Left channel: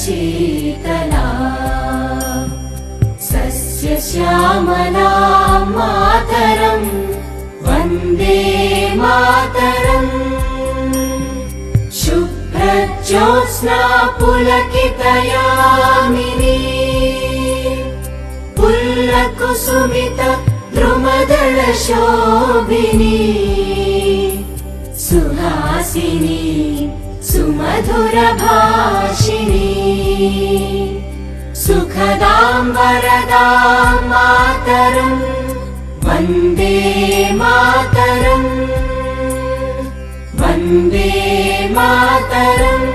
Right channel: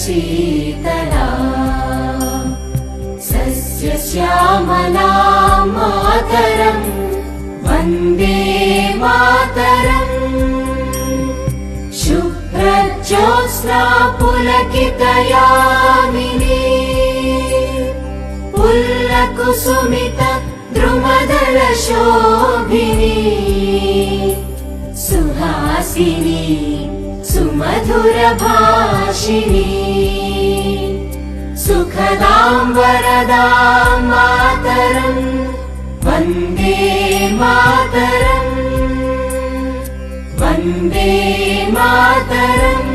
Sheetla सस्यश्यामला Mataram Vande Mataram शुभ्रज्योत्स्ना पुलकितयामिनी पुल्लकुसुमित द्रुमदलशोभिनी Suhasini सुमधुरभाषिणी सुखदां वरदां Mataram Vande Mataram Vande Mataram.